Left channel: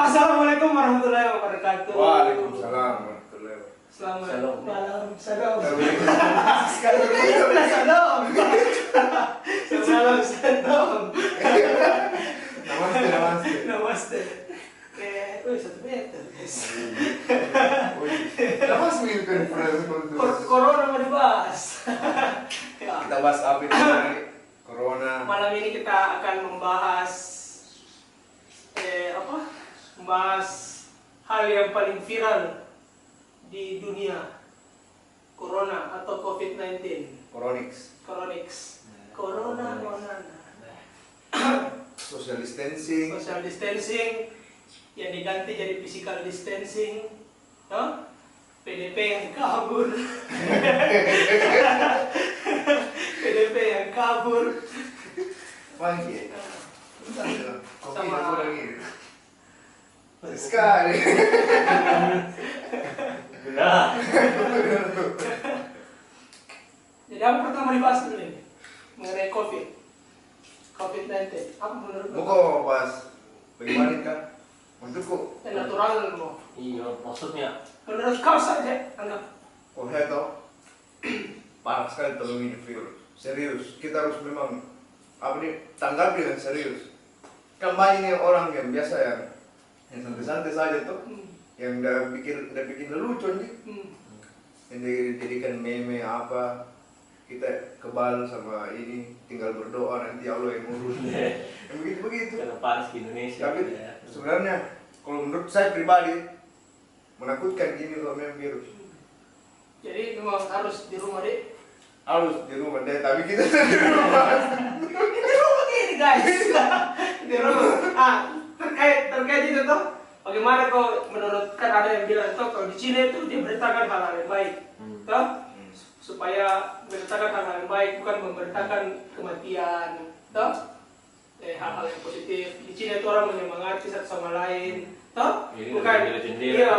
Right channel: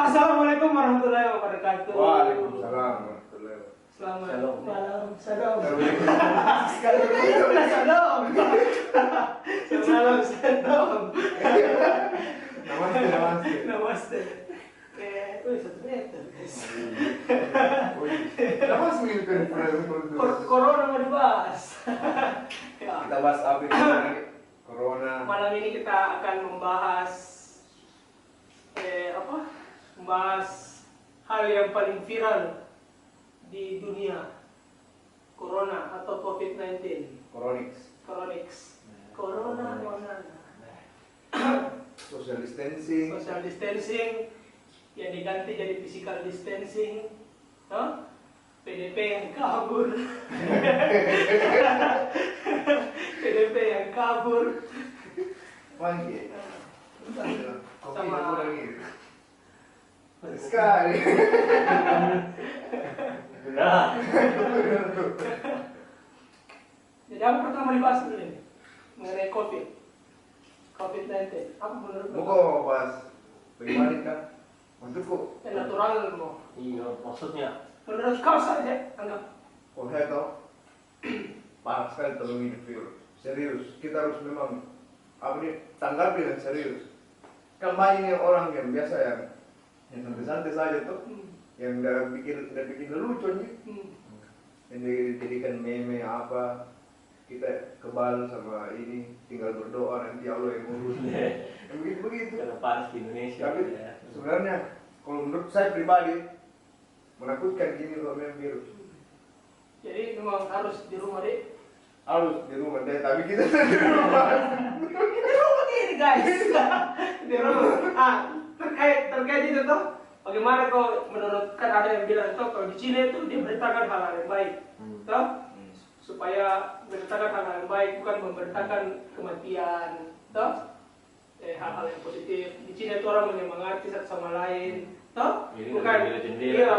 Assalamualaikum warahmatullahi wabarakatuh. Waalaikumsalam warahmatullahi wabarakatuh. Selamat malam. Salam. Sekali Salam. Salam. Salam. Namaste, namaste. Namaste. Wih, 1 meter, guys. Namaste kan Corona mau dibahas. Ya. Kita bahas apa ini? Corona. Malam ini kita akan membahas membahas hal yang paling viral di dunia, Corona atau COVID-19. Coronix. Corona. Social distancing. Social distancing yang diganti jadi physical distancing, no? PDP yang kabur. PDP yang kabur. Pagi. Kopi Sama- aku lagi. Sekali. Nah, Jadi apa pertama dibahas dulu ini mengenai COVID-19. Apa menurut Mau lo? kok bahas bagaimana kan? Menurutku, Yang natural mo. iya maksudnya Menurut kau saja anggap. kok tau parah sekali tolong ini virus. Serius, kita harus memang tanggapi dengan serius. Kan banyak nih orang yang biasa yang santai-santai saja tuh, yang udah bikin lucu nih, yang dijadikan meme apa, kita kebal sama ini, tinggal berdoa nanti Allah yang ngurus. Yang begitu-begitu. karena panas di Indonesia. Tapi ya. sebenarnya kalau menurut saya pribadi menakutkan gini loh memang virus. Jadi memang harus di rumah deh. Harus di rumah deh, tapi kita di rumah. Di rumah ini guys. Di rumah. Terkait itu tuh. Bagaimana kau menurut, kan ada yang bilang tuh kalau di Cina itu diberitakan hal-hal yang baik, toh supaya memberitakan hal-hal yang baik, bukan memberitakan kematian, toh hal-hal yang positif. Di Cina itu orang menyemangati satu sama lain, toh Jadi bukan bela jendela. iya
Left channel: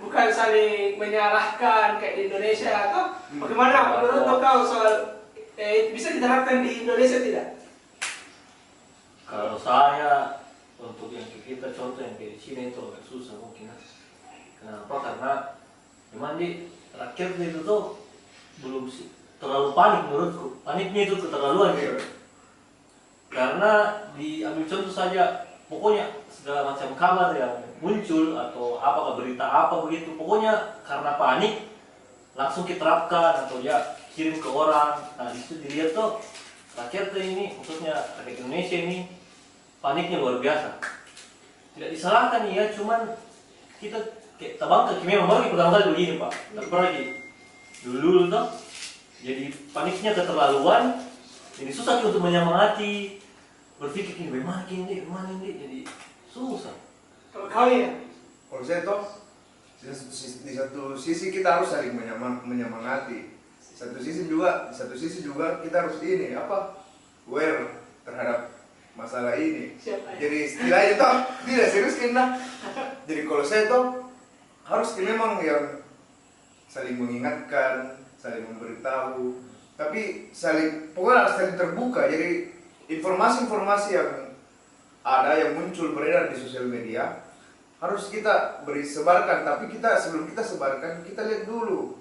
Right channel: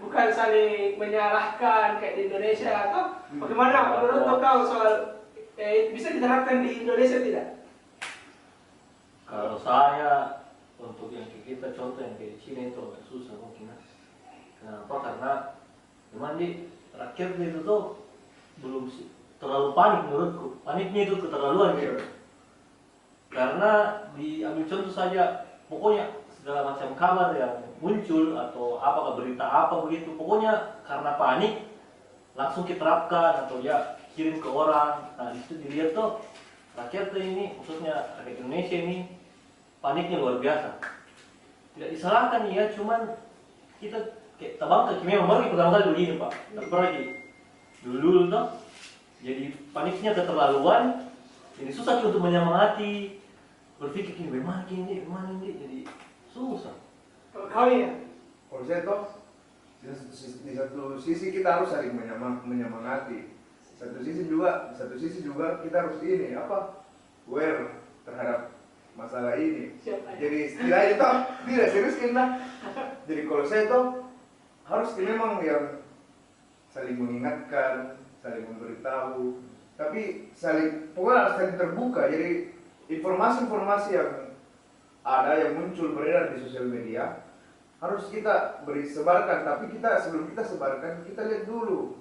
bukan saling menyalahkan kayak di Indonesia, toh. Bagaimana menurut kau soal bisa diterapkan di Indonesia tidak? Kalau saya untuk yang kayak kita contoh yang kayak di sini itu agak susah mungkin. Kenapa? Karena memang di rakyat itu tuh belum terlalu panik menurutku. Paniknya itu keterlaluan gitu. Karena diambil contoh saja, pokoknya segala macam kabar yang muncul atau apakah berita apa begitu, pokoknya karena panik langsung kita terapkan atau ya kirim ke orang. Nah itu dilihat tuh rakyat ini, maksudnya rakyat Indonesia ini paniknya luar biasa. Tidak disalahkan ya, cuman kita kayak tabang kaki memang baru pertama kali begini pak. Tak pernah lagi dulu tuh. Jadi paniknya keterlaluan, jadi susah juga untuk menyemangati. Berpikir ini bagaimana ini, jadi susah. Kalau kau ya? Kalau saya toh di satu sisi kita harus saling menyemangati. Di satu sisi juga kita harus aware terhadap masalah ini. Siapa ya? Jadi istilahnya toh tidak serius kena. Jadi kalau saya toh harus memang yang saling mengingatkan, saling memberitahu, tapi pokoknya harus saling terbuka. Jadi informasi-informasi yang ada yang muncul beredar di sosial media harus kita sebarkan, tapi sebelum kita sebarkan kita lihat dulu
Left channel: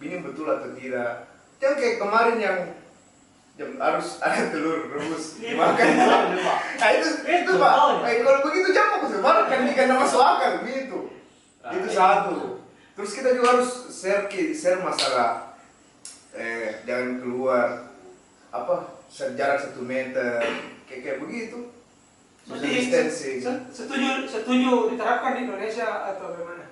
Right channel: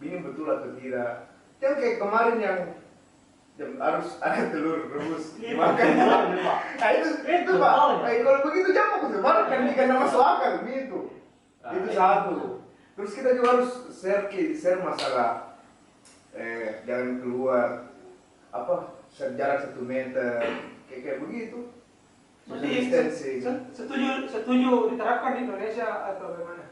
ini betul atau tidak. Yang kayak kemarin yang harus ada telur rebus dimakan. Nah itu pak. Kalau begitu jangan aku sebarkan nih karena masuk akal gitu. Itu satu. Terus kita juga harus share masalah jangan keluar jarak 1 meter kayak begitu. Social distancing. Setuju diterapkan di Indonesia atau bagaimana?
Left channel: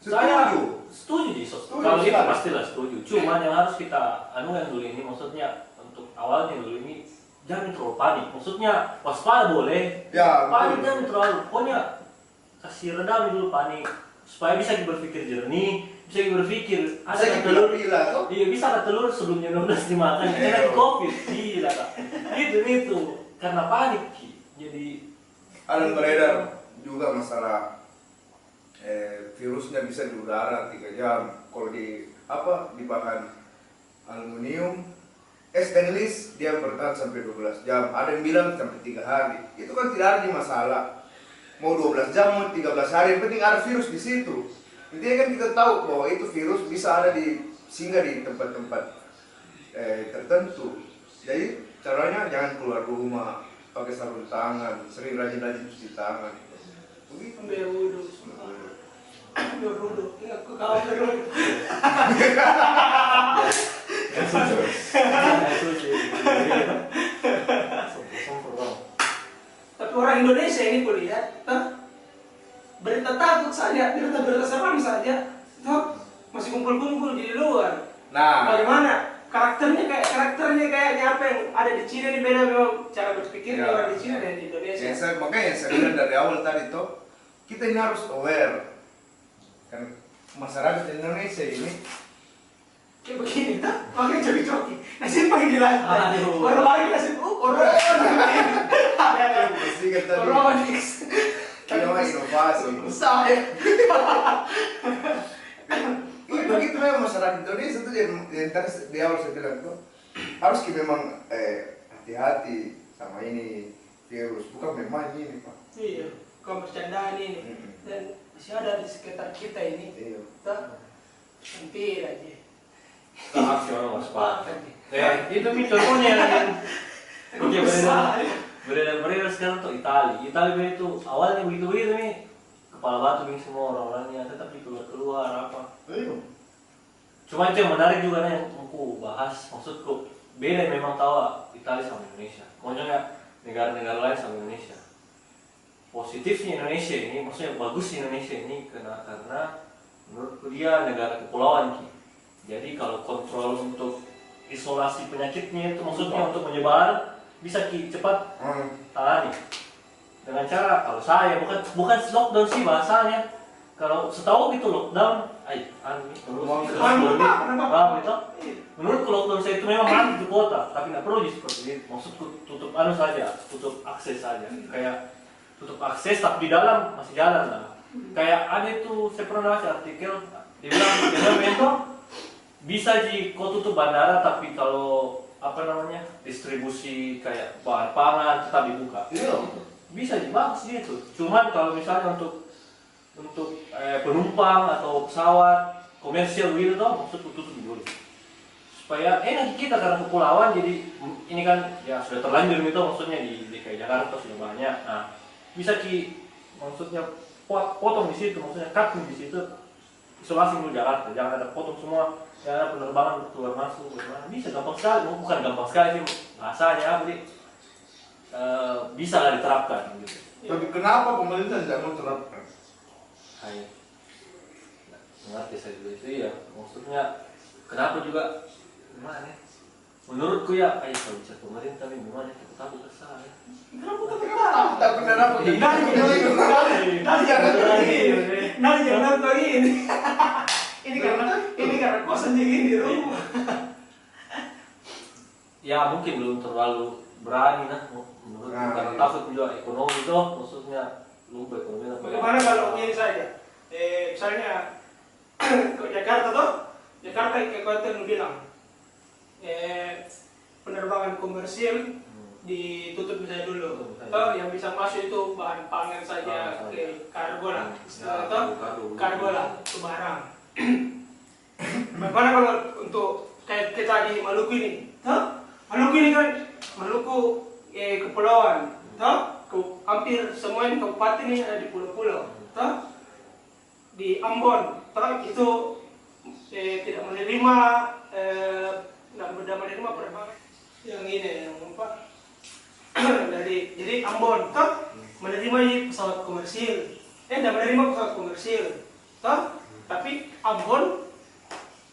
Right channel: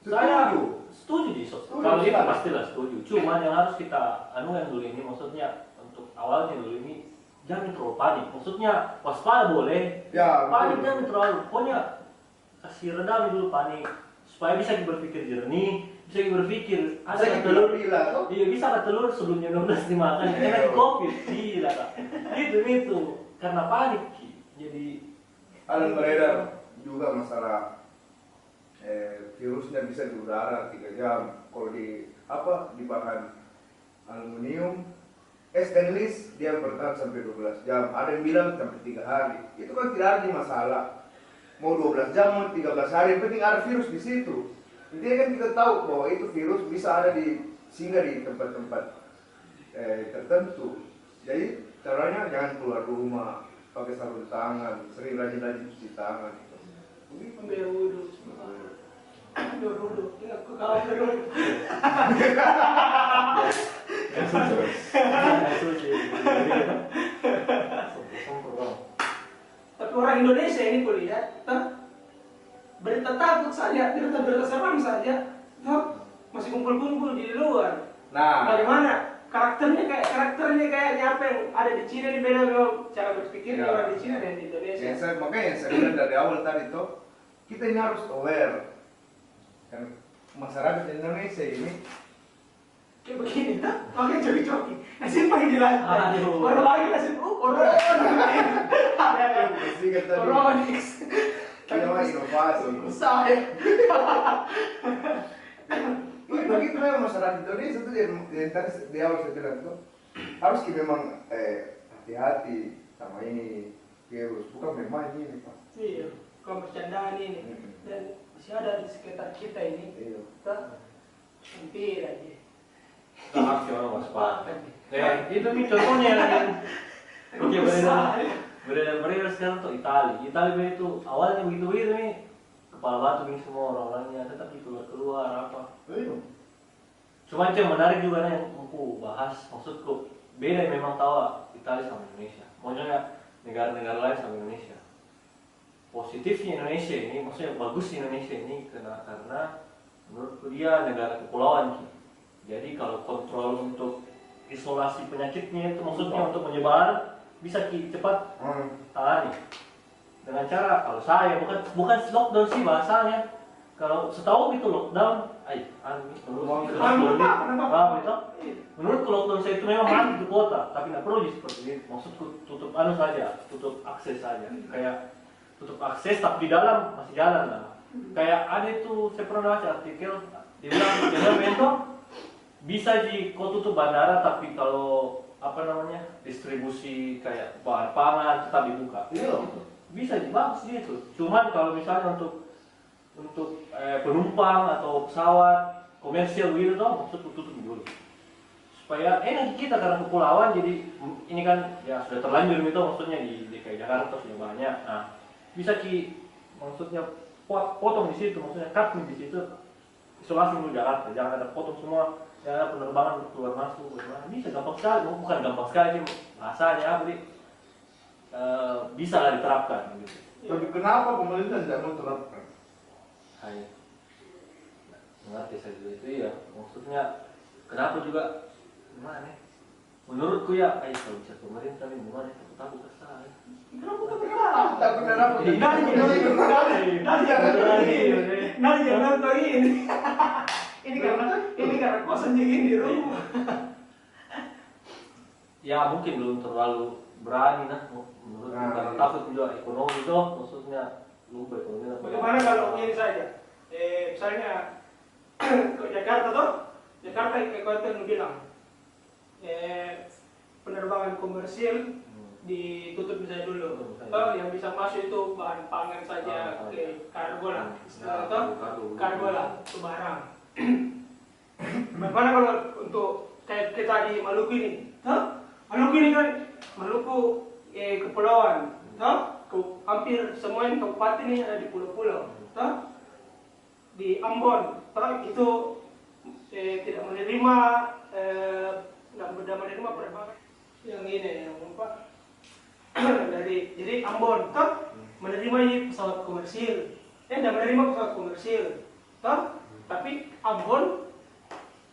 Saya Setuju. setuju sih, Setuju, kalau itu silakan. pastilah setuju. Cuman yang harus kita yang dulu ini, maksudnya untuk awalnya dulu ini jangan terlalu panik. Maksudnya waspada boleh, Ya, panik betul. jangan terlalu. Pokoknya kasih redam dulu panik supaya bisa berpikir jernih, bisa berpikir Bisa ada telur. gila tuh. Iya bisa ada telur sebelumnya 12 dimakan, karena COVID, gila kak. Itu karena panik, Ki. Jadi Ada beredar juga masalah virusnya bisa di udara 3 jam. Kalau di bahan aluminium, stainless dia bertahan sampai 12 jam. Ada yang bilang sampai 3 hari. Itu kan tidak ada masalah. mau 12 jam, mau 13 hari, yang penting ada virus di situ. Intinya kan kita tahu bahwa itu virus bisa ada di singgah di tempat-tempat tertentu. Jadi caranya jangan keluar rumah, pakai sarung tangan, sering rajin-rajin cuci tangan. Begitu. Ambil wudhu. Ambil wudhu. Aku kawan wudhu. Tapi orang Indonesia ini kulihat, berita takut saja, berita seram saja, masih kumpul-kumpul di luar. Nah, Bagaimana karakternya kayaknya apa yang ada di Cina ini beda memang cara berpikirnya Ya. orang di Cina dan di Indonesia. makanya yang saya bilang dari awal tadi tuh, kita ini harus aware. Kan masyarakat Indonesia ini Kayak begini, pakai coki-coki, nasi pagi di lantai, Aduh. baru lagi nasi, corona, ada, pasti kan tadi Coronix, ini mah inovasi. saya, Begitu memang masyarakat Indonesia tuh yang tadi di awal saya bilang tuh harus kita memang hati-hati sama ini virus, bukan memang ini Pak. iya, bukan bercandaan ini, dan masih ada di sekitar kita ini, Iya. tak, hampir aja. Kita harus orang waspada. Itu nih contohnya yang oke beredar sekarang tuh Italia itu awalnya begitu nih kepala batu nih semua orang-orangnya tetapi keluar apa. Cuma itu yang menarik juga nih yang aku bahas maksudku beda memang tahu Italia sama Indonesia. Maksudnya negara-negara lain sama Indonesia. Positifnya Indonesia ini maksudnya bagus Indonesia ini karena menurutku dia negara kepulauan Ki. Jadi kalau kontrol untuk isolasi penyakitnya itu maksudnya untuk menyebar bisa cepat tangani dengan cara kalau saya bukan lockdown sih bahasanya kalau setahu gitu lockdown menurutku lockdown saya itu memang mati di kota tapi nggak perlu seperti itu maksudku tutup saja tutup akses saja kayak tutup akses tapi di dalam masih jalan lah kayak ada itu saya pernah baca artikel dibilang itu bisa kau tutup bandara tapi kalau distribusi kayak bahan pangan tetap dibuka. Iya. Bisa bagus gitu. Cuman kalau misalnya untuk penumpang atau pesawat komersial gitu toh maksudku tutup dulu. Supaya enak kita karena kepulauan jadi ini kan ya sudah terlanjur gitu maksudnya di DKI Jakarta sudah banyak. Nah, bisa maksudnya potong di situ maksudnya cutting di situ isolasi dulu Jakarta jangan ada potong semua. Ya penerbangan keluar masuk bagaimana bisa gampang sekali bukan gampang sekali sih bahasanya bisa lah diterapkan gitu. Tapi kenapa pemerintah tidak mau terapkan? Hai mengerti saya juga itu ya maksudnya kenapa juga gimana ya menurutku ya kalau bicara pemerintah ini gimana takut kesal jangan ini karena kau sendiri di rumah. Ya mungkin belum terlalu berani menurut karena takut juga ekonomi itu maksudnya lupa ekonomi. Bagaimana kalau ini saja? Misalnya ke Jakarta kayak kau tadi bilang penerbangan komersil ditutup misalnya dulu. Atau yang bisa masuk itu bahan pangan saja ke kargo lah, atau kargo lah ke barang. Bagaimana kalau untuk kayak kita di Maluku ini? Maluku ini kan kepulauan, hampir semua ini kabupaten ini ada di pulau-pulau, di Ambon, itu tidak menerima penerbangan yang ini yang apa jadi Ambon, menerima pesawat komersil, tidak menerima pesawat komersil, tapi Ambon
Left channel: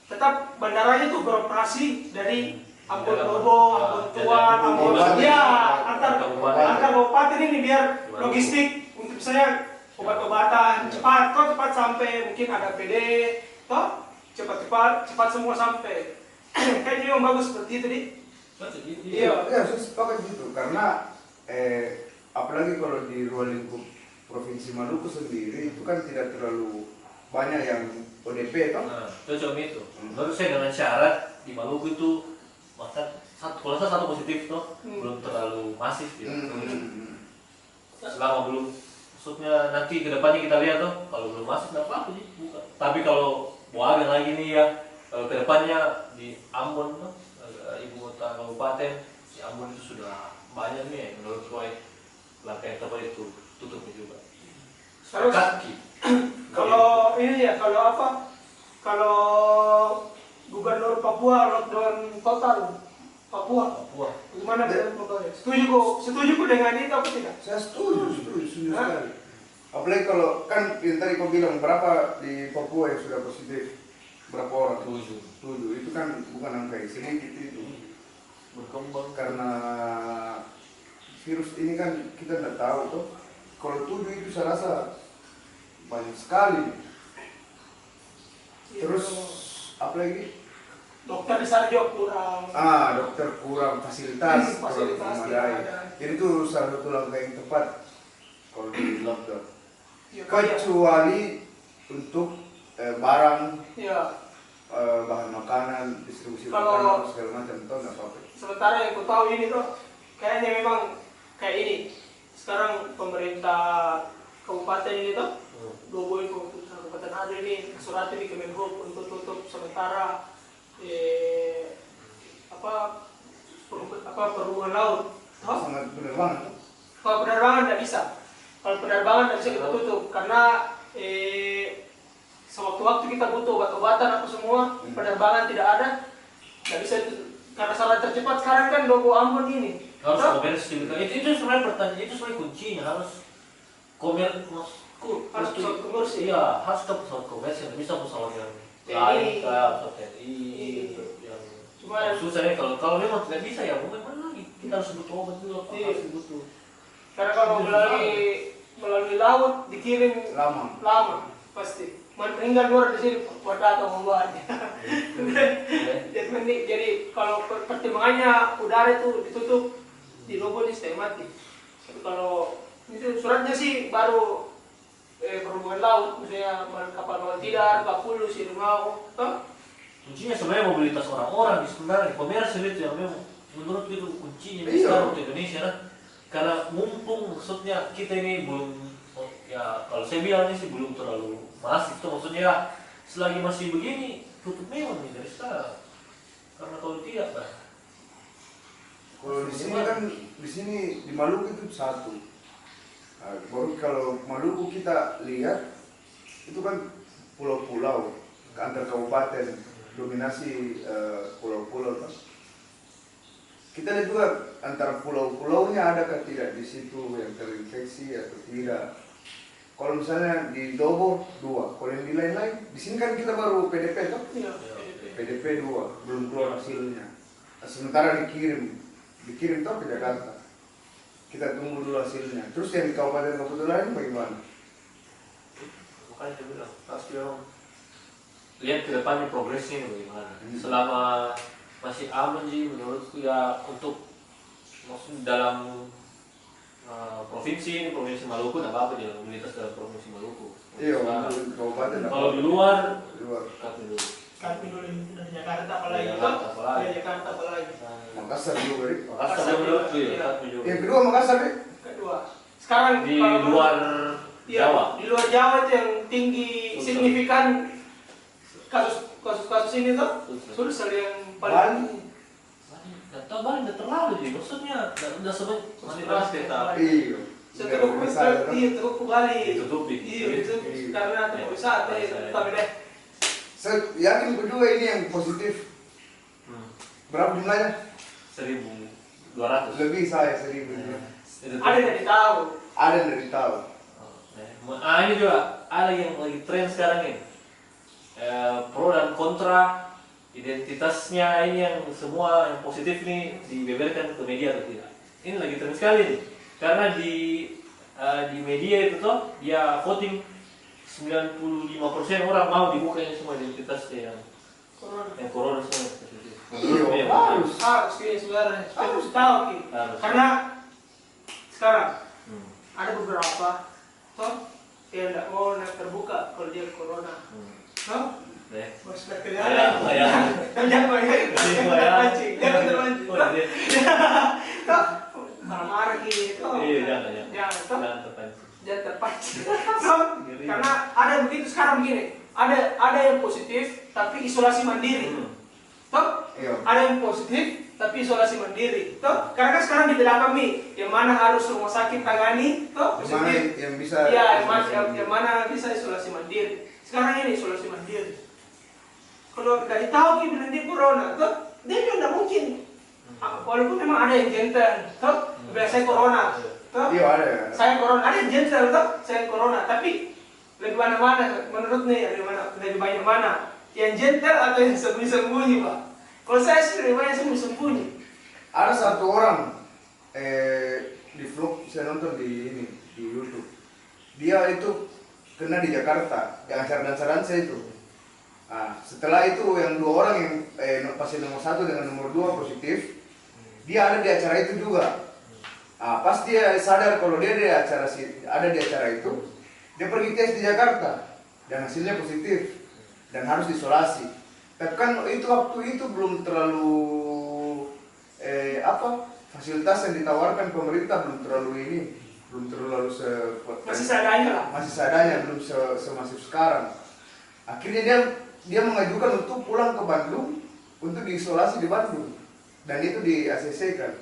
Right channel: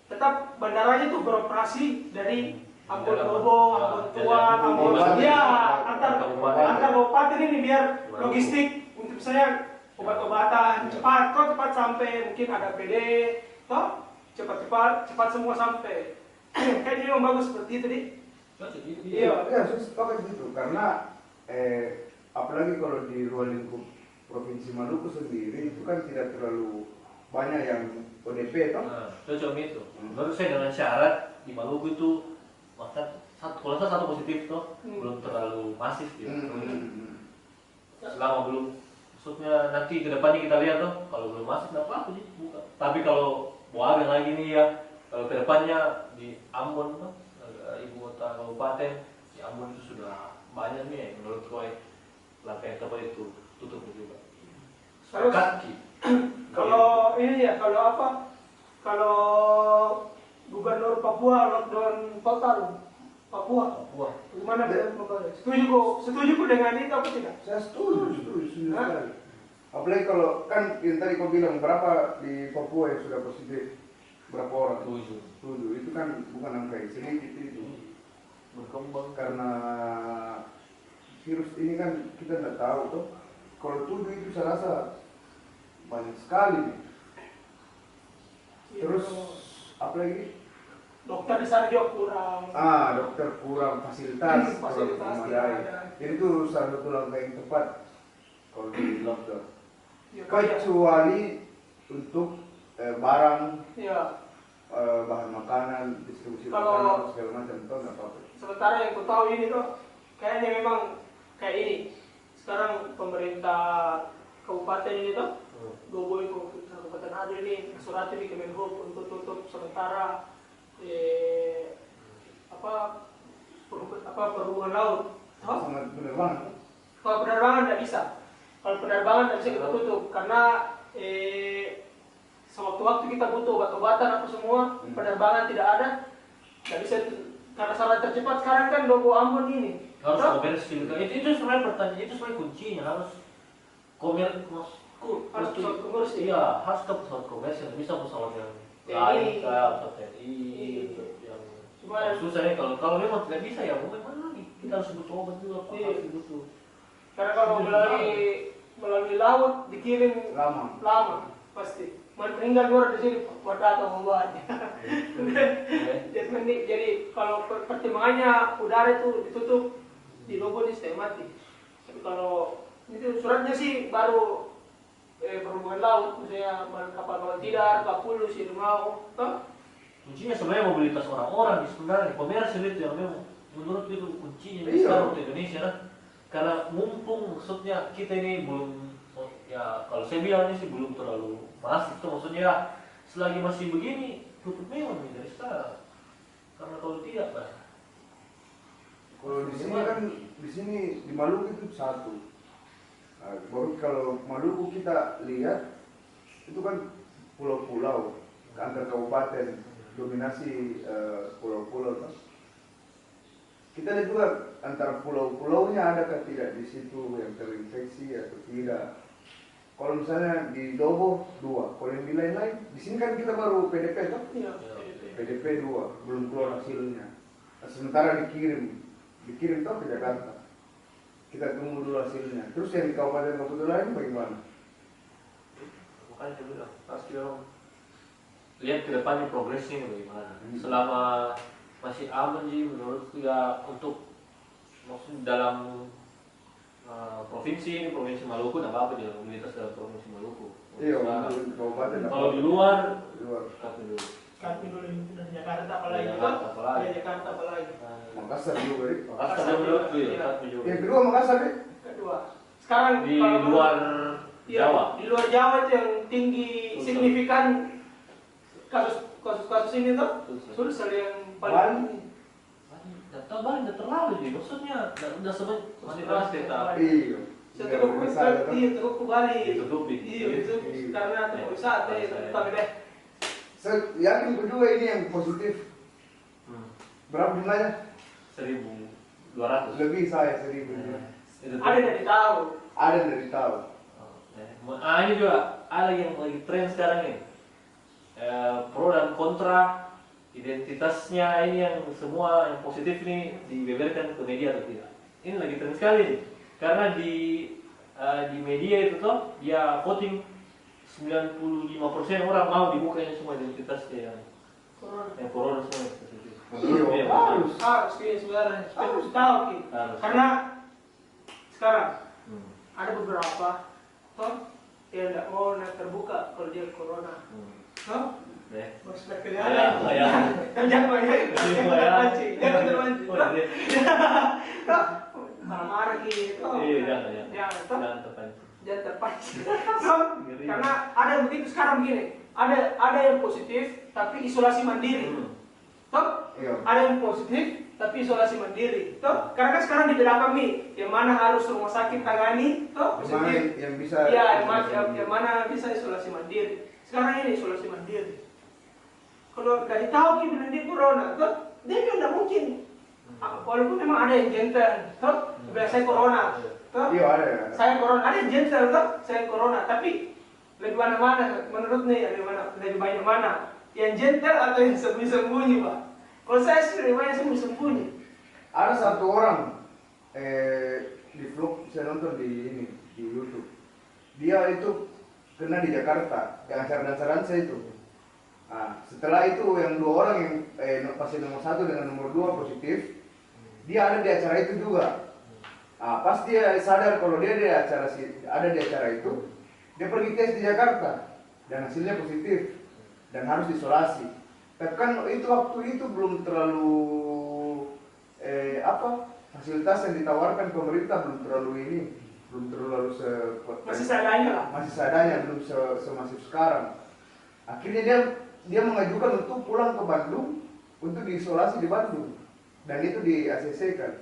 tetap bandaranya itu beroperasi dari Ambon Bobo, Ambon Tuan, Ambon antar kabupaten ini biar logistik untuk saya obat-obatan cepat sampai mungkin ada PD, cepat semua sampai. Kayaknya yang bagus seperti itu nih. Iya, saya sepakat gitu karena apalagi kalau di ruang lingkup provinsi Maluku sendiri itu kan tidak terlalu banyak yang ODP toh. Nah, itu cuma itu. Menurut saya dengan syarat di Maluku itu kalau satu positif toh belum terlalu masif gitu. Selama belum maksudnya nanti kedepannya kita lihat tuh kalau belum masuk nggak apa-apa sih buka. Tapi kalau mau agak lagi nih ya, kalau kedepannya di Ambon tuh ibu kota kabupaten di Ambon itu sudah banyak nih yang menurut gue langkah yang tepat itu tutupnya juga. Terus Kaki. kalau ini ya, kalau apa? Kalau Gubernur Papua lockdown total Papua, gimana Bapak? Setuju kok dengan itu apa tidak? Saya setuju sekali. Apalagi kalau kan yang tadi kau bilang berapa di Papua yang sudah positif, berapa orang? 7. Itu kan bukan angka yang sedikit itu. Berkembang Karena virus ini kan kita tidak tahu tuh. Kalau 7 itu saya rasa banyak sekali. Terus apa lagi? Dokter di sana juga kurang. Dokter kurang, fasilitas kurang memadai. Jadi itu salah satu langkah yang tepat kalau di lockdown. Ya, Kecuali untuk barang, ya. Bahan makanan, distribusi Kalau- makanan segala macam itu nggak apa-apa. Sementara yang ku tahu ini tuh kayaknya memang kayak ini. Sekarang pemerintah kabupaten ini tuh Dobo itu Kabupaten Ado ini surat di Kemenhub untuk tutup sementara perhubungan laut. Sangat benar banget. Kalau penerbangan tidak bisa. Kalau penerbangan tidak bisa kita tutup karena sewaktu-waktu kita butuh obat-obatan apa semua, penerbangan tidak ada, tidak bisa itu. Karena saran tercepat sekarang kan Dobo Ambon ini. harus Toh? komersil. Itu sebenarnya pertanyaan, itu sebenarnya kuncinya harus Harus pesawat komersil. Iya, harus ke pesawat komersil, bisa pesawat yang TNI. lain kayak pesawat TNI yang Cuma susah ya kalau memang tidak bisa ya mau mana lagi kita harus butuh obat juga apa Iya. harus butuh. karena kalau melalui laut dikirim Lama. pasti. Meninggal luar di sini pada atau membawanya. Jadi kalau pertimbangannya udara itu ditutup di Lobo ini stay mati. Tapi kalau itu suratnya sih baru perhubungan laut, misalnya kapal bawah tidar, kapulu, Sirimau, toh? Kuncinya sebenarnya mobilitas orang-orang di sebenarnya komersil itu yang memang menurut itu kuncinya Iya. besar untuk Indonesia kan. Karena mumpung maksudnya kita ini belum ya kalau saya bilang ini sih belum terlalu masif tuh maksudnya selagi masih begini tutup memang nih dari sekarang karena kalau tidak bah Kalau di sini kan di Maluku itu satu. Baru kalau Maluku kita lihat itu kan pulau-pulau antar kabupaten dominasi pulau-pulau kan. Kita lihat juga antara pulau-pulaunya adakah tidak di situ yang terinfeksi atau tidak. Kalau misalnya di Dobo 2, kalau yang di lain-lain, di sini kan kita baru PDP toh? Iya. PDP 2, belum keluar hasilnya. Sementara dikirim toh ke Jakarta. Kita tunggu dulu hasilnya. Terus yang di kabupaten-kabupaten lain bagaimana? makanya saya bilang pasti orang lihat ke depannya progresnya bagaimana. Hmm. Selama masih aman sih menurutku ya untuk maksud dalam provinsi Maluku tidak apa-apa di mobilitas dalam provinsi Maluku. Iya, Nah, untuk kabupaten. kalau di luar luar. kami dulu. Kami dulu dari Jakarta apalagi Dari itu? Jakarta apalagi. Dari Jakarta apalagi. Makassar juga, Rik. Makassar yang menurutku ya, Iya. kami juga. Yang kedua Makassar, Rik. Kedua. Sekarang Di kalau luar iya, Jawa. Di luar Jawa itu yang tinggi Sulsel. signifikan kasus ini tuh Sulsel. Sulsel yang Bali. paling Nggak tahu Bali nggak terlalu sih, maksudnya nggak sebanyak Manila State. Iya. Setelah Wisata, toh. iya terus ke Bali. Ditutupi. Iya, itu Iya. karena tempat wisata ya, tapi deh. Saya yakin juga ini yang positif. Berapa jumlahnya? 1.200. Lebih saya 1000. Ada yang ditahu. Ada yang dari tahu. Ini juga ada yang lagi tren sekarang ini. Pro dan kontra identitasnya ini yang semua yang positif ini dibeberkan ke media atau tidak. Ini lagi tren sekali nih. Karena di media itu tuh dia voting 95% orang mau dibukanya semua identitasnya yang corona semua yang positif. Iya, harus. Harus ini sebenarnya. Harus tahu Ki. Harus. Karena sekarang Hmm. ada beberapa toh yang tidak mau terbuka kalau dia corona. Toh? Deh. Bos Ya, kelihatan. ya. Jangan Ya. terpancing. Jangan terpancing. Oh, iya. Toh marah-marah gitu. Iya, jangan. Jangan toh. Jangan terpancing. Jangan terpancing. Karena ada yang begitu sekarang begini, ada yang positif tapi isolasi mandiri. Toh? Iya. Ada yang positif tapi isolasi mandiri. Toh? Karena kan sekarang di belakang nih, yang mana harus rumah sakit tangani, toh Yang mana positif. yang bisa Iya, yang mana bisa isolasi mandiri. Sekarang ini isolasi mandiri. Kalau dari tahu kita bilang dia corona, toh dia juga tidak mungkin. Walaupun memang ada yang gentle, toh bilang saya corona, toh Iya ada. saya corona, ada yang gentle, toh saya corona, tapi lebih mana-mana menurut nih lebih banyak mana yang gentle atau yang sembunyi-sembunyi, Pak? Kalau saya sih lebih banyak sembunyi-sembunyi. Ada satu orang di vlog saya nonton di YouTube. Dia itu kena di Jakarta, yang acara dansa itu. Nah, setelah itu yang 2 orang yang pasien nomor 1 dengan nomor 2 positif, dia ada di acara itu juga. Nah, pas dia sadar kalau dia ada di acara itu, dia pergi tes di Jakarta dan hasilnya positif dan harus diisolasi. Tapi kan itu waktu itu belum terlalu fasilitas yang ditawarkan pemerintah belum terlalu Masih seadanya lah. masih seadanya, belum semasif sekarang. Akhirnya dia mengajukan untuk pulang ke Bandung untuk diisolasi di Bandung dan itu di ACC kan.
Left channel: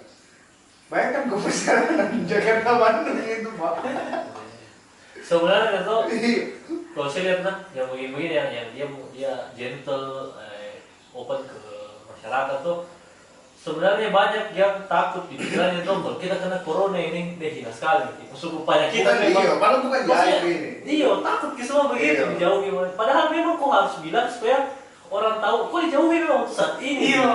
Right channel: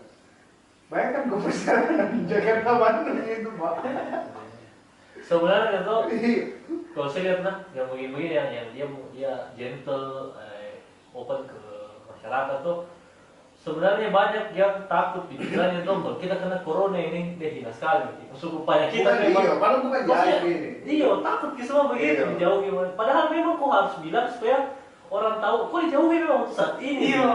Bayangkan gue perjalanan Jakarta Bandung itu, Pak. Sebenarnya tuh kalau saya lihat yang begini yang dia gentle, open ke masyarakat tuh sebenarnya banyak yang takut pikirannya tuh kalau kita kena corona ini hina sekali. Masuk upaya kita Iya, padahal bukan jahit ini. Iya, takut ke semua begitu Iya. dijauhi. Padahal memang kok harus bilang supaya orang tahu kok dijauhi memang untuk saat ini. Iya.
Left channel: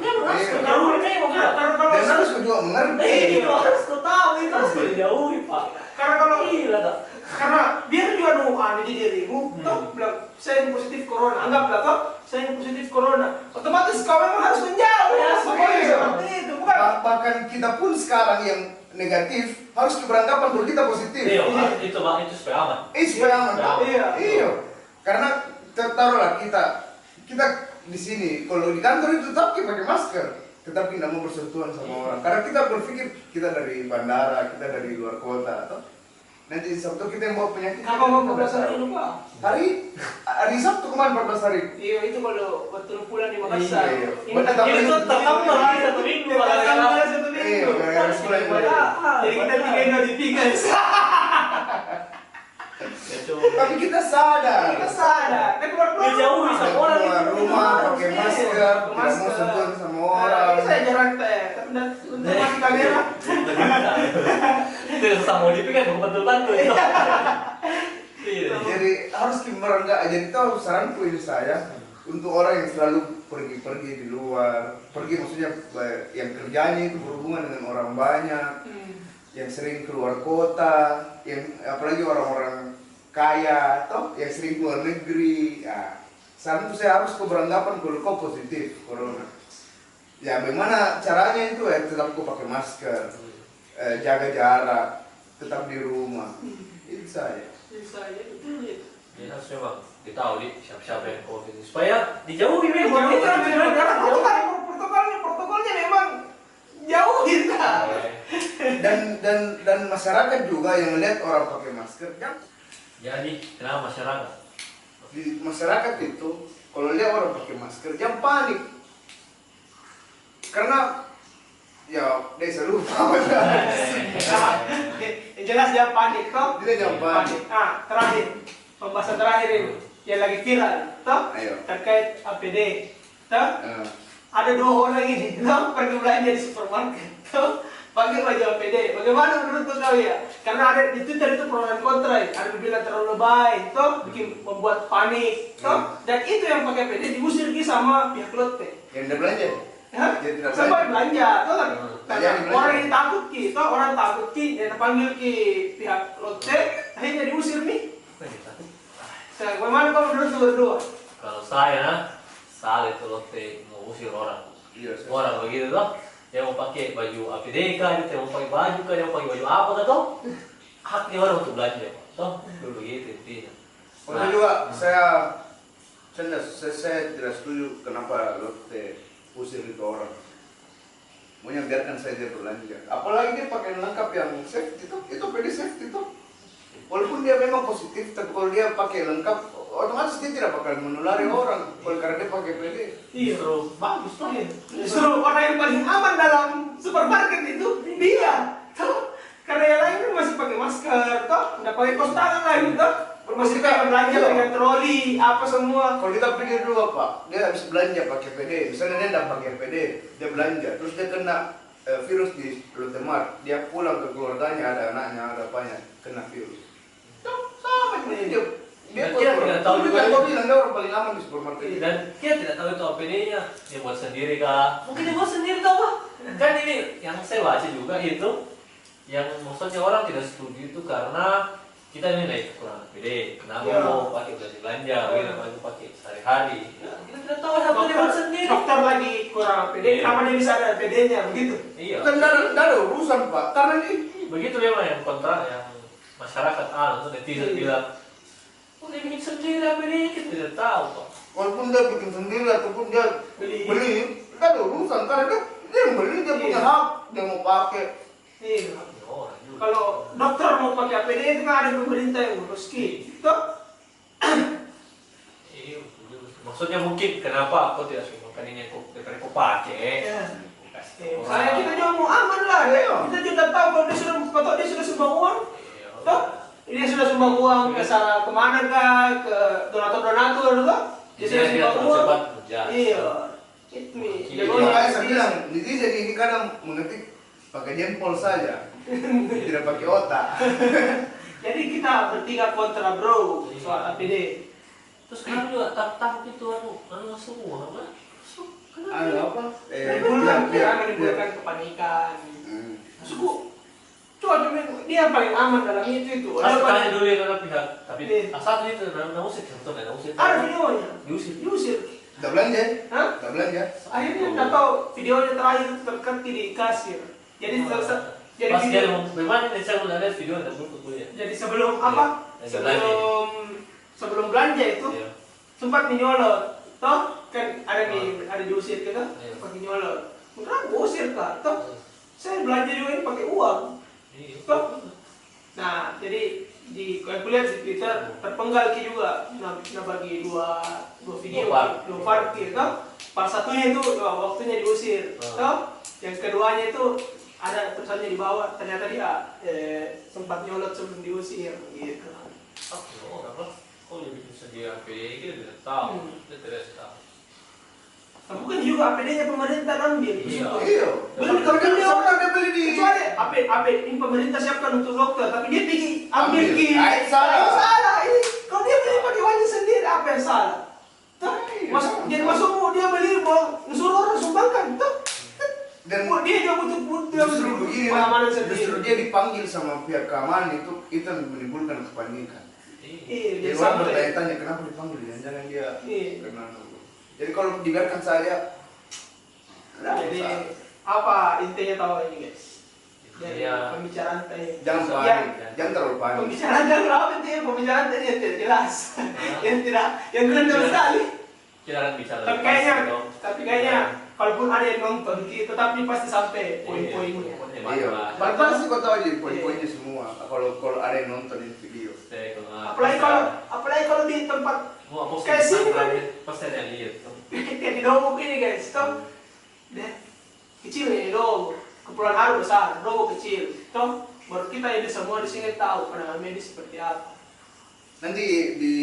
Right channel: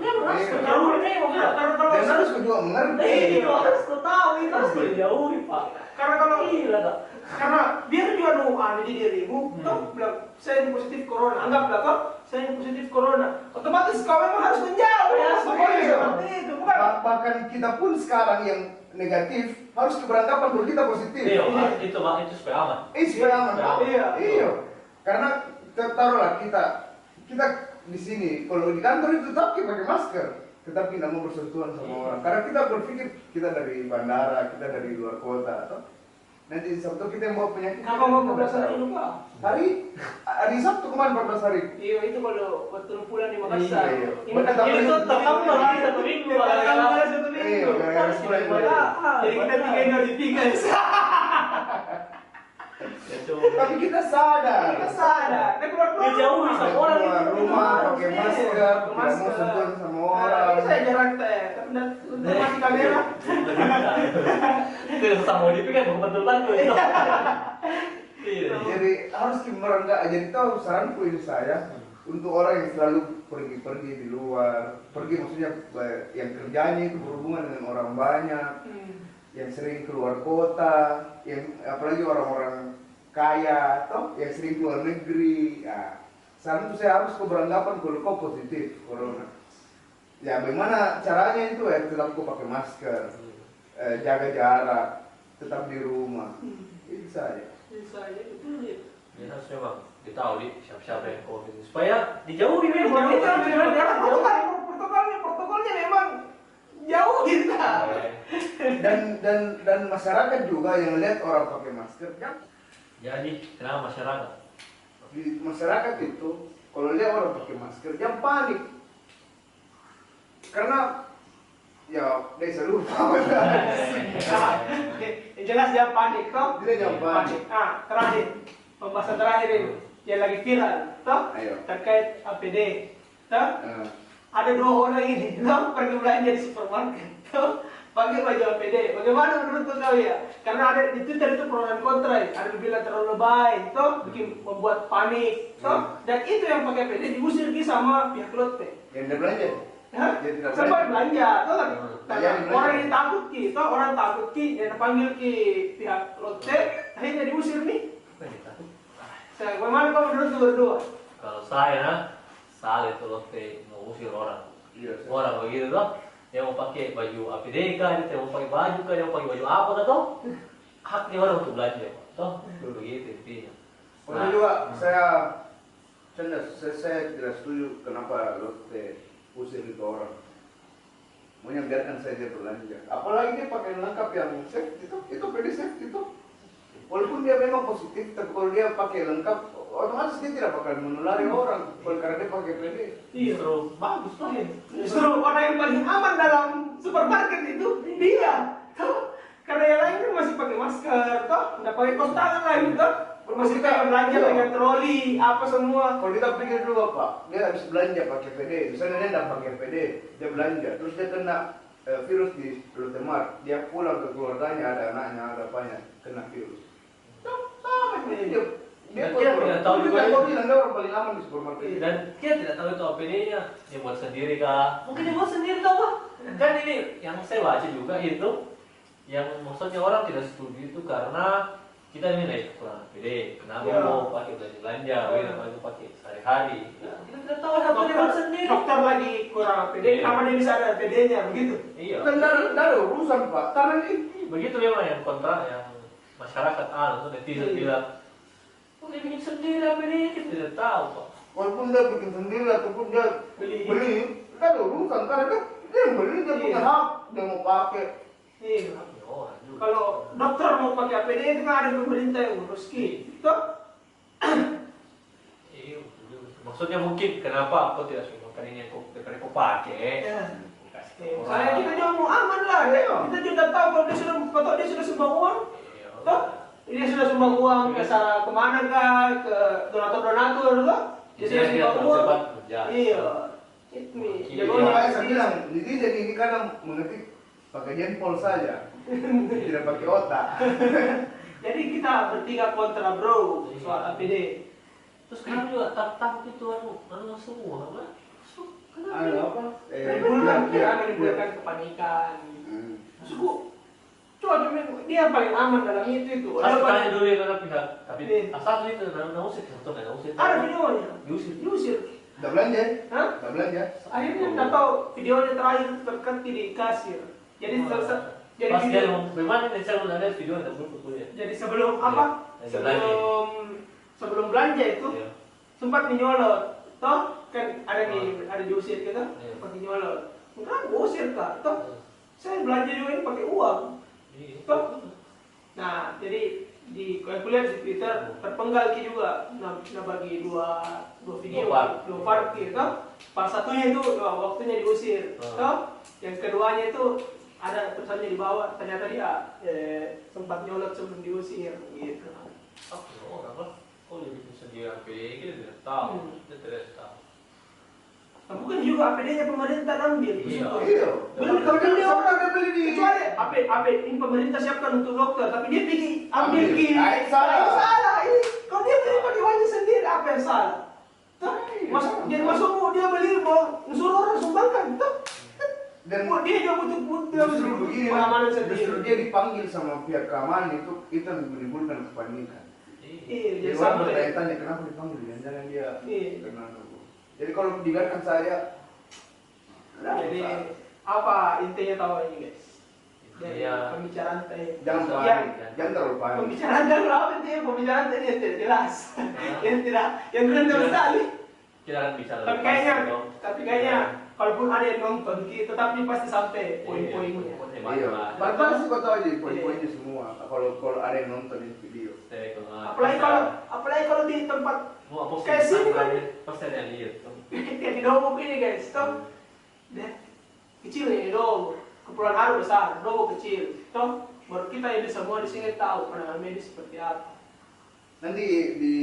Memang harus Iya. dijauhi memang. Dan harus juga mengerti. Iya, harus kau tahu itu harus dijauhi, Pak. Karena kalau Gila, tak? karena biar juga doa di dirimu, toh bilang saya ini positif corona, anggaplah toh saya ini positif corona, otomatis kau memang harus menjauh ya, semuanya Iya. seperti itu, bukan? Bahkan kita pun sekarang yang negatif harus beranggapan kalau kita positif. Iya, Pak. Itu Pak, itu supaya aman. Supaya aman. Iya. Iya. Karena taruhlah kita di sini kalau di kantor itu tetap kita pakai masker, tetapi tidak mau bersentuhan sama orang. Karena kita berpikir kita dari bandara, kita dari luar kota, atau nanti Sabtu kita yang bawa penyakit. Kapan mau kita 14 hari tahu. ini, Pak? Hari Sabtu kemarin 14 hari. Iya, itu kalau waktu pulang di Makassar. Iya. Ini Betul, kan tapi itu itu tambah lagi 1 minggu, Pak. tambah 1 minggu. Iya, gara-gara sekolah itu. Jadi kita 3 hari 3. Ya, coba. Tapi kita sadar. Kita sadar. Kita keluar Dijauhi sama orang itu. Keluar rumah pakai Iya. masker, tidak mau Masker. sentuhan sama Nah, orang. ini saya jarang teh, tapi untuk mati kamera. Itu sama mau dipikir betul-betul itu. Iya. Jadi harus enggak. Jadi tahu saranku ini saya untuk orang yang selalu pergi-pergi di luar, pergi maksudnya yang kerjanya itu berhubungan dengan orang banyak, yang sering keluar kota, yang apalagi orang-orang kaya, atau yang sering keluar negeri. Ya, saran itu saya harus beranggapan kalau kau positif corona. Ya, bagaimana caranya itu ya tetap kau pakai masker, jaga jarak, tetap di rumah. Itu saja. Saya betul ya. Ya harus memang ditahu siapa yang COVID ini. Supaya dijauhi memang. Karena protokolnya memang jauh kita. Dan masyarakat juga yang melihat orang pakai masker kan. Jadi kenapa masyarakat? Di masyarakat itu kalau lihat orang pakai masker jangan panik. Karena ya desa lupa. Yang jelas jangan panik toh. Dia jangan panik. Terakhir pembahasan terakhir ini yang lagi viral toh Ayo. terkait APD toh. Ada 2 orang ini toh pergi belanja di supermarket toh pakai baju APD. Bagaimana menurut kau ya? Karena ada di Twitter itu pro dan kontra ya. Ada yang bilang terlalu lebay toh bikin membuat panik toh. Dan itu yang pakai APD diusir sama pihak Lotte. Yang dia belanja. Hah? Dia tidak Sampai belanja, tuh kan? Jadi Orang yang takut ki, toh orang takut ki, dan panggil ki pihak Lotte, akhirnya diusir nih. Bagaimana kau menurut lu berdua? Kalau saya salah itu Lotte mau usir orang. Iya. Orang begitu tuh, yang mau pakai baju APD kah, dia mau pakai baju kah, yang mau pakai baju apa kah tuh, haknya orang untuk belanja, toh dulu begitu intinya. Kalau juga saya tidak setuju kenapa Lotte usir itu orang. Maunya biarkan saja belanja. Apalagi dia pakai lengkap yang safety itu PD safety itu. walaupun dia memang positif, tapi kalau dia pakai lengkap, otomatis dia tidak bakal menulari orang. Karena dia pakai PD. Iya. Justru bagus tuh. Iya. Justru orang yang paling aman dalam supermarket itu dia. Tuh, karena yang lain kan masih pakai masker, toh, nggak pakai kaos tangan lagi, toh. Masih kayak belanja Iya. dengan troli, apa semua. Kalau kita pikir dulu apa, dia habis belanja pakai PD, misalnya dia tidak pakai PD, dia belanja, terus dia kena virus di Lotemar, dia pulang ke keluarganya, ada anaknya, ada apanya, kena virus. Tuh, sama dia. Dan dia tidak tahu juga Kau itu. bilang dia orang paling aman di supermarket. Dan dia tidak tahu itu APD-nya, dia buat sendiri kah? Mungkin dia buat sendiri tau pak? Kan ini yang saya baca juga itu, yang maksudnya orang tidak setuju itu karena kita nilai kurang APD. Kenapa Ya. mau pakai belanja, kenapa mau pakai sehari-hari? Ya, kita tidak tahu apa dia buat sendiri. Dokter lagi kurang APD, Iya. kenapa dia bisa ada APD-nya begitu? Iya. Kan tidak ada urusan pak, karena ini Begitu memang yang kontra, yang masyarakat untuk netizen Iya. bilang, oh dia bikin sendiri APD, kita tidak tahu pak. walaupun dia bikin sendiri ataupun dia Beli. beli, tidak ada urusan karena dia yang beli, dia punya Iya. hak, dia mau pakai. Iya. Ya, orang juga. Kalau dokter mau pakai APD itu kan ada pemerintah yang urus toh. Iya, maksudnya mungkin kenapa aku tidak suka makan ini daripada aku pakai. Iya. Aku kasih ke Saya orang. kita juga mau aman lah, Iya. kita juga tahu kalau dia sudah sumbang uang, Iya. toh dia sudah sumbang uang ke sana kemana kah, ke donatur toh, dia sudah Dia sumbang terlalu uang. cepat kerja. Iya, itu nih. Iya. Jadi Jadi makanya saya bilang, netizen ini kadang mengetik pakai jempol saja, tidak pakai otak. Jadi kita bertiga kontra bro soal APD. Terus sekarang juga takut itu anu semua apa? Ada apa? Menimbulkan kepanikan. Suku, coba dia paling aman dalam itu. Saya tanya dulu ya ke pihak, tapi Iya. asal itu nggak usah contoh nggak usah. Ada videonya, Diusir. diusir. Udah belanja? Hah? Udah belanja? Akhirnya nggak tahu videonya terakhir itu terkenti di kasir. Jadi jadi Pas dia video, mau bagaimana nih saya udah lihat video yang berikut dulu ya. jadi sebelum apa? Iya, Sebelum belanja itu Iya. sempat menyolot. Toh kan ada diusir gitu, Iya. sempat menyolot. Kenapa usir kak? Toh saya belanja juga ini pakai uang. Iya. Toh. Nah, jadi di kalau aku lihat di Twitter terpenggal Ki juga nah bagi dua video, dua part gitu. Part satunya itu waktunya diusir. Toh, yang keduanya itu ada tulisannya di bawah, ternyata dia sempat nyolot sebelum diusir gitu. Oh, apa? Oh, dia bikin sendiri APD, kita tidak tahu. Kita tidak tahu. Nah, bukan juga APD-nya pemerintah ambil. Iya. Iya. Beli kalau beli orang dia beli di. kecuali APD ini pemerintah siapkan untuk dokter, tapi dia pergi ambil Ambil. Ki. Ah, itu salah. Itu salah. Ini kalau dia beli pakai uangnya sendiri apa yang salah? Tuh, masuk dia beli mau suruh orang sumbangkan, tuh. Dan Dia juga butuh justru begini pengamanan justru sendiri. dia dipanggil sama pihak keamanan itu yang menimbulkan kepanikan. Iya, dia Jadi orang sampai. bertanya-tanya kenapa dipanggil, jangan dia Iya. kena. Jadi kalau dibiarkan saja, Jadi apa intinya tahu ini guys? Dari Intinya, pembicaraan tadi. jangan Yang panik, jangan terlalu panik. pembicaraan dan apa intinya pembicaraan tadi yang tidak jelas, yang tidak jelas sekali. kita akan bicara. Tapi kayaknya kalaupun ada yang nonton, tetapi pasti sampai poin-poinnya. Iya. Batas sih kau tahu aja poin-poinnya semua. Kalau ada yang nonton ini video. Apalagi kalau di tempat kayak sini kan, pasti ada yang lihat. kayak di Dogo ini guys, toh, deh kecil ya di Dogo, Kepulauan Haru besar, Dogo kecil, toh, baru kita ini semua di sini tahu penanganan medis seperti apa. Nanti di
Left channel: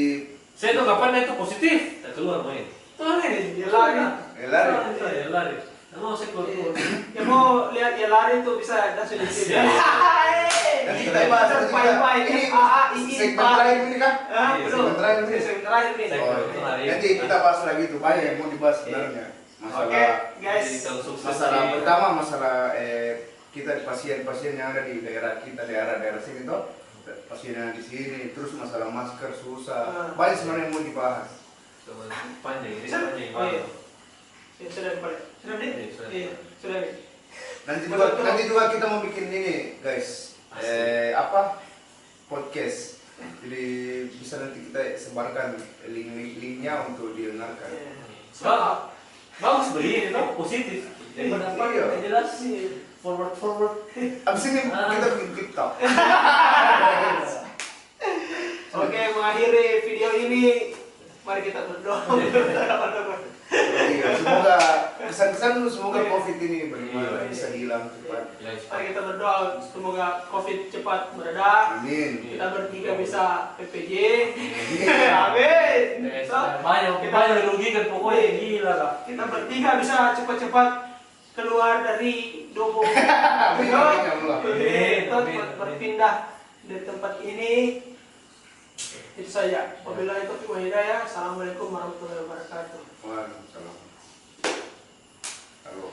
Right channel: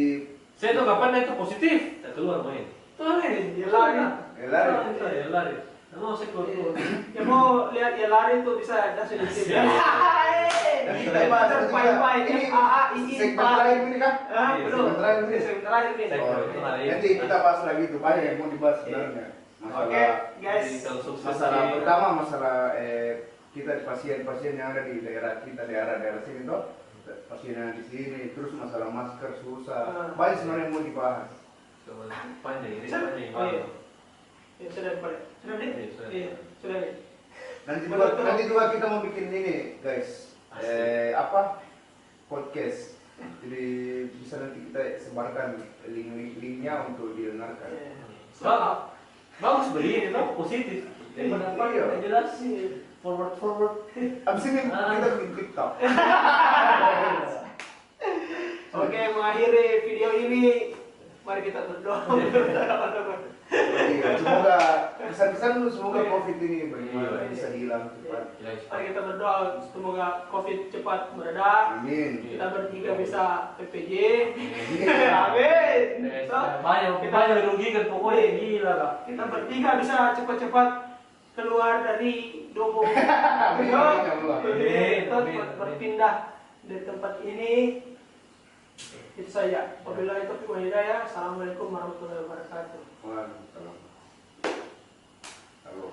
Saya tuh kapan itu positif, saya keluar main. Tuh ini dia lari. lari. Saya lari. Mau saya keluar. Ya mau lihat dia lari tuh bisa langsung di sini. Nanti kita bahas ini segmen terakhir ini kan? Belum. Segmen terakhir ini. Segmen terakhir nih. Nanti kita bahas lagi tuh banyak yang mau dibahas sebenarnya. Oke, guys. Masalah pertama masalah kita pasien-pasien yang ada di daerah kita, daerah sini tuh pasien yang di sini, terus masalah masker susah, banyak sebenarnya yang mau dibahas. Panjang ini Oh panjang. iya. Ya sudah deh. Sudah deh. Iya, sudah deh. Nanti juga kita mau bikin ini guys, podcast. Jadi bisa nanti kita sebarkan link-linknya untuk didengarkan. Bagus begini tuh positif. Daripada apa Iya. yang jelas forward. Abis ini kita bikin TikTok. mengakhiri video ini, mari kita berdoa. Iya, semoga kesan-kesan lu semoga COVID ini bagaimana Iya. bisa hilang cepat. Ya, Mari kita berdoa semoga COVID cepat mereda. Amin. Kita bertiga bisa PPJ. Iya. Amin. Yes, So, banyak dirugikan pokoknya gila lah. kita bertiga bisa cepat-cepat keluar dari Dobo. Amin, Yo, amin, ya Allah. kita Amin, amin. berpindah dari tempat ini. Itu saja. Wabillahi taufiq wal hidayah. Assalamualaikum warahmatullahi wabarakatuh. Waalaikumsalam. Halo.